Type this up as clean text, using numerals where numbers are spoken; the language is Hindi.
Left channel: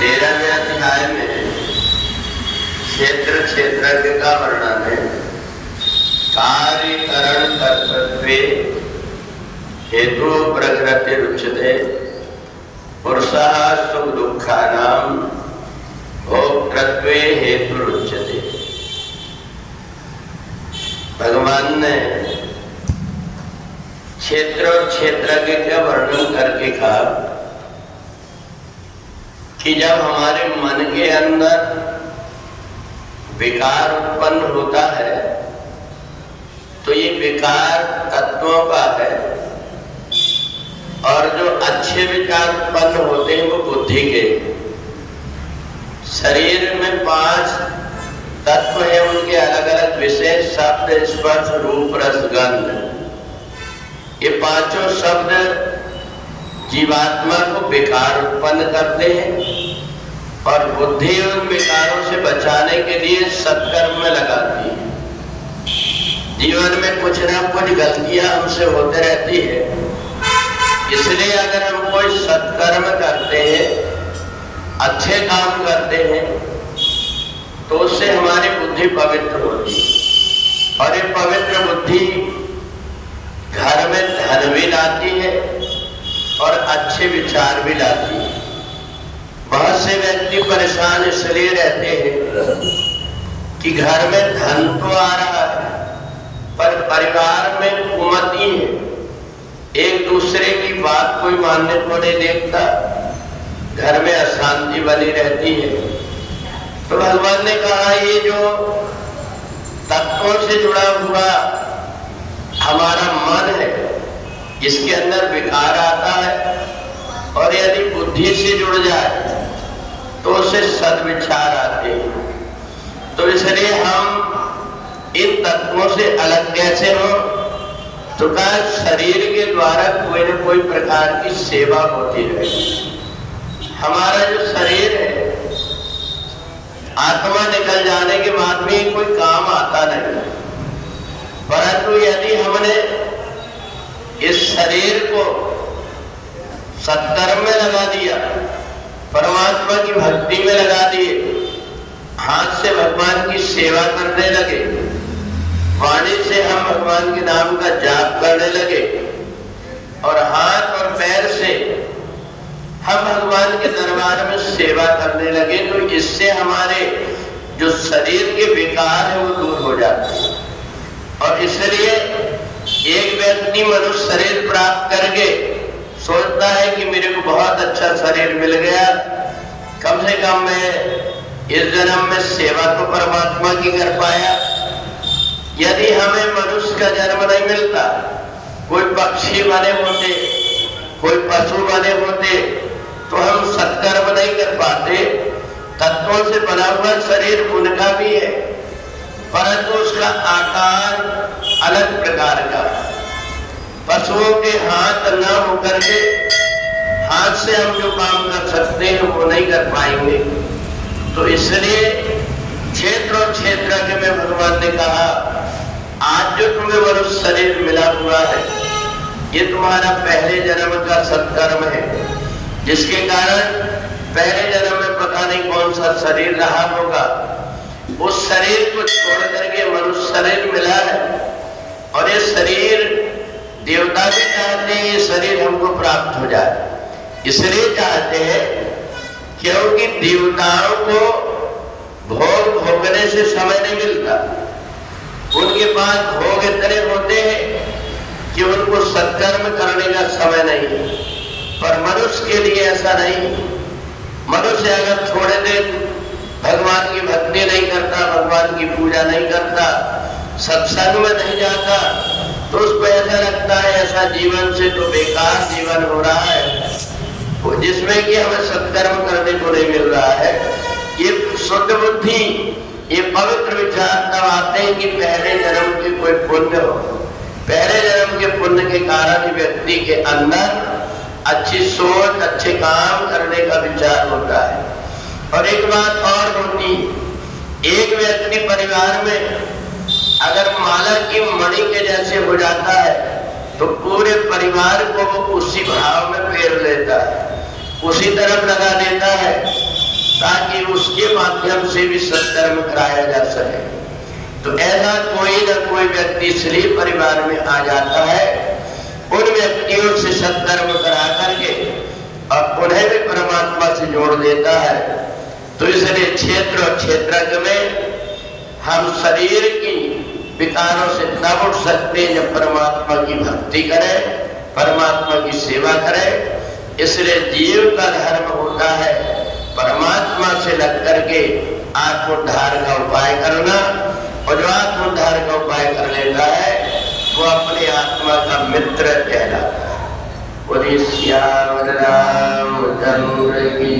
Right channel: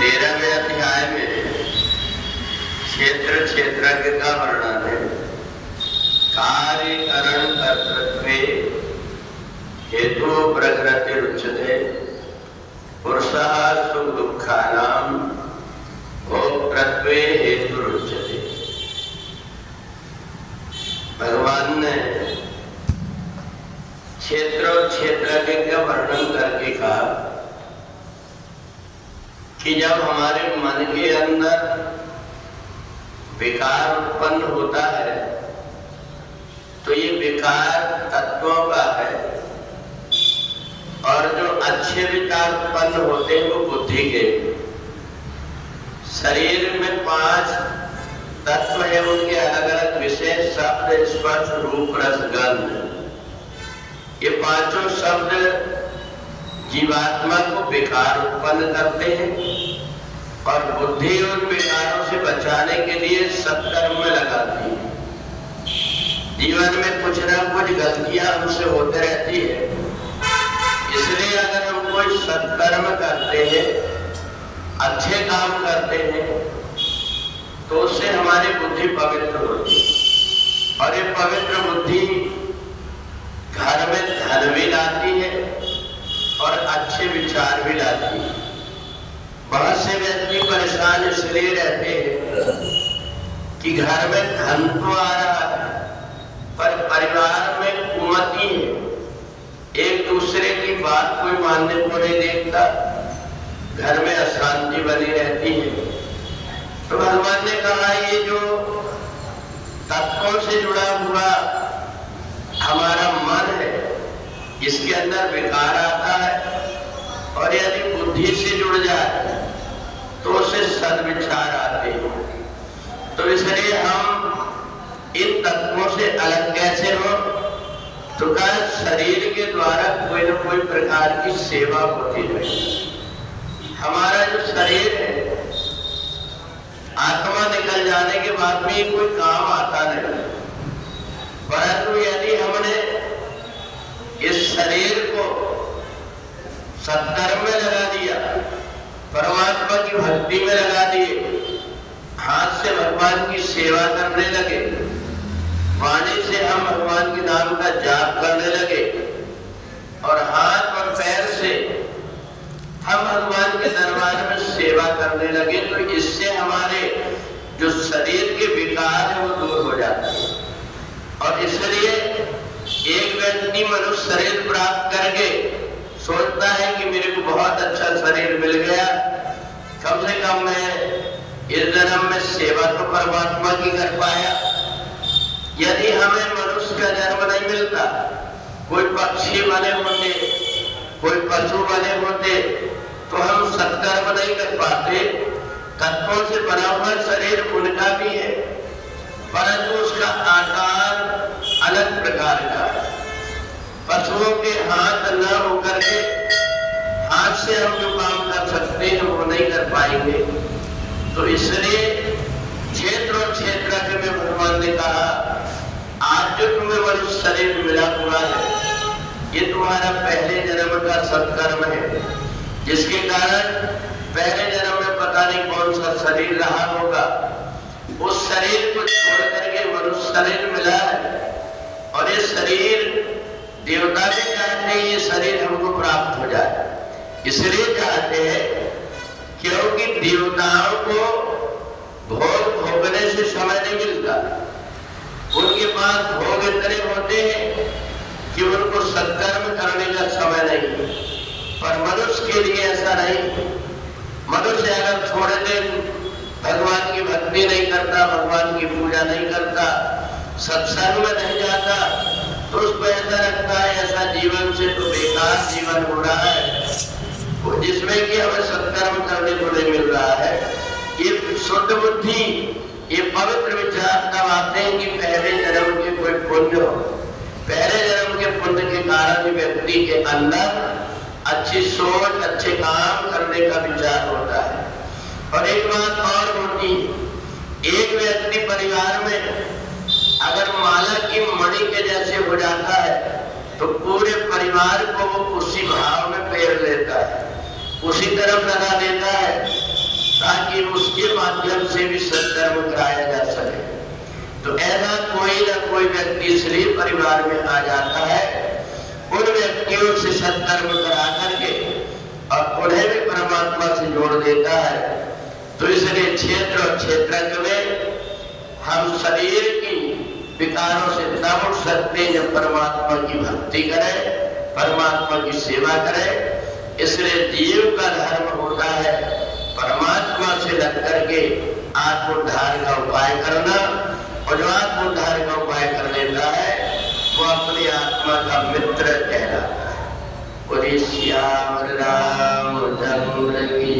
13वें अध्याय में क्षेत्र क्षेत्रज्ञ का वर्णन है। कार्यकरण कर्तृत्वे हेतु प्रकृतिरुच्यते पुरुषः सुख दुःखानां भोक्तृत्वे हेतुरुच्यते। भगवान ने क्षेत्र और क्षेत्रज्ञ का वर्णन करके कहा कि जब हमारे मन के अंदर विकार उत्पन्न होता है तो ये विकार तत्वों का है, और जो अच्छे विचार उत्पन्न होते हैं वो बुद्धि के। शरीर में 5 तत्व है, उनके अलग अलग विषय शब्द स्पर्श रूप रस गंध। ये 5 शब्द जीवात्मा को विकार उत्पन्न करते हैं और बुद्धि उन विकारों से बचाने के लिए सत्कर्म में लगाती है। जीवन में कुछ ना कुछ गलतियां हमसे होते रहती है, इसलिए अगर हम कोई सत्कर्म करते हैं, अच्छे काम करते हैं, तो उससे हमारी बुद्धि पवित्र होती है। और ये पवित्र बुद्धि घर में धन भी लाती है और अच्छे विचार भी लाती है। बहुत से व्यक्ति परेशान इसलिए रहते हैं कि घर में धन तो आ रहा है पर परिवार में कुमति है, एक दूसरे की बात कोई मानने को नहीं देखता, घर में अशांति बनी रहती है। तो भगवान ने कहा ये जो तत्वों से जुड़ा हुआ हमारा मन है, इसके अंदर विकार आता है, और यदि बुद्धि से जुड़ जाए तो उसे सद्विचार आते हैं। तो इसलिए हम इन तत्वों से अलग कैसे हो? तो कहा शरीर के द्वारा कोई न कोई प्रकार की सेवा होती रहे। हमारा जो शरीर है, आत्मा निकल जाने के बाद में कोई काम आता नहीं, परंतु यदि हमने इस शरीर को सत्कर्म में लगा दिया, परमात्मा की भक्ति में लगा दिए, हाथ से भगवान की सेवा करने लगे, वाणी से हम भगवान के नाम का जाप करने लगे, और हाथ और पैर से हम भगवान के दरबार में सेवा करने लगे, तो इससे हमारे जो शरीर के विकार है वो दूर हो जाते हैं। और इसलिए एक व्यक्ति मनुष्य शरीर प्राप्त करके सोचता है कि मेरे को बहुत अच्छा शरीर मिल गया, कम से कम मैं इस जन्म में सेवा तो परमात्मा की कर पाया। यदि हमें मनुष्य का जन्म नहीं मिलता, कोई पक्षी बने होते, कोई पशु बने होते, तो हम सत्कर्म नहीं कर पाते। तत्वों से बना हुआ शरीर उनका भी है, परंतु उसका आकार अलग प्रकार का। पशुओं के हाथ न होकर के हाथ से हम जो काम कर सकते हैं वो नहीं कर पाएंगे। तो इसलिए क्षेत्र और क्षेत्रज्ञ में भगवान ने कहा आज जो तुम्हें मनुष्य शरीर मिला हुआ है, ये तुम्हारा पहले जन्म का सत्कर्म है, जिसके कारण पहले जन्म में पता नहीं कौन सा शरीर रहा होगा, उस शरीर को छोड़ करके मनुष्य शरीर मिला है। और ये शरीर देवता भी चाहते हैं ये शरीर हमको प्राप्त हो जाए, इसलिए चाहते हैं क्योंकि देवताओं को भोग भोगने से समय नहीं मिलता। उनके पास भोग इतने होते हैं कि उनको सत्कर्म करने का समय नहीं, पर मनुष्य के लिए ऐसा नहीं। मनुष्य अगर छोड़ दे, भगवान की भक्ति नहीं करता, भगवान की पूजा नहीं करता, सत्संग में नहीं जाता, तो उसको ऐसा लगता है ऐसा जीवन से तो बेकार जीवन हो रहा है, जिसमें कि हमें सत्कर्म करने को नहीं मिल रहा है। ये शुद्ध बुद्धि, ये पवित्र विचार तब आते हैं कि पहले जन्म के कोई पुण्य हो। पहले जन्म के पुण्य के कारण व्यक्ति के अंदर अच्छी सोच, अच्छे काम करने का विचार होता है। और एक बात और होती, एक व्यक्ति परिवार में अगर माला की मणि के जैसे हो जाता है तो पूरे परिवार को उसी भाव में फेर लेता है, उसी तरफ लगा देता है। ताकि उसके माध्यम से भी सत्कर्म कराया जा सके। तो ऐसा कोई न कोई व्यक्ति इसलिए परिवार में आ जाता है, उन व्यक्तियों से सत्कर्म करा करके और उन्हें भी परमात्मा से जोड़ देता है। तो इसलिए क्षेत्र और क्षेत्रज्ञ में हम शरीर की विकारों से तब उठ सकते हैं जब परमात्मा की भक्ति करें, परमात्मा की सेवा करें। इसलिए जीव का धर्म होता है परमात्मा से लग करके आत्मोद्धार का उपाय करना, और जो आत्मोद्धार का उपाय कर लेता है वो अपनी आत्मा का मित्र कहलाता है। श्याम रामचंद्र की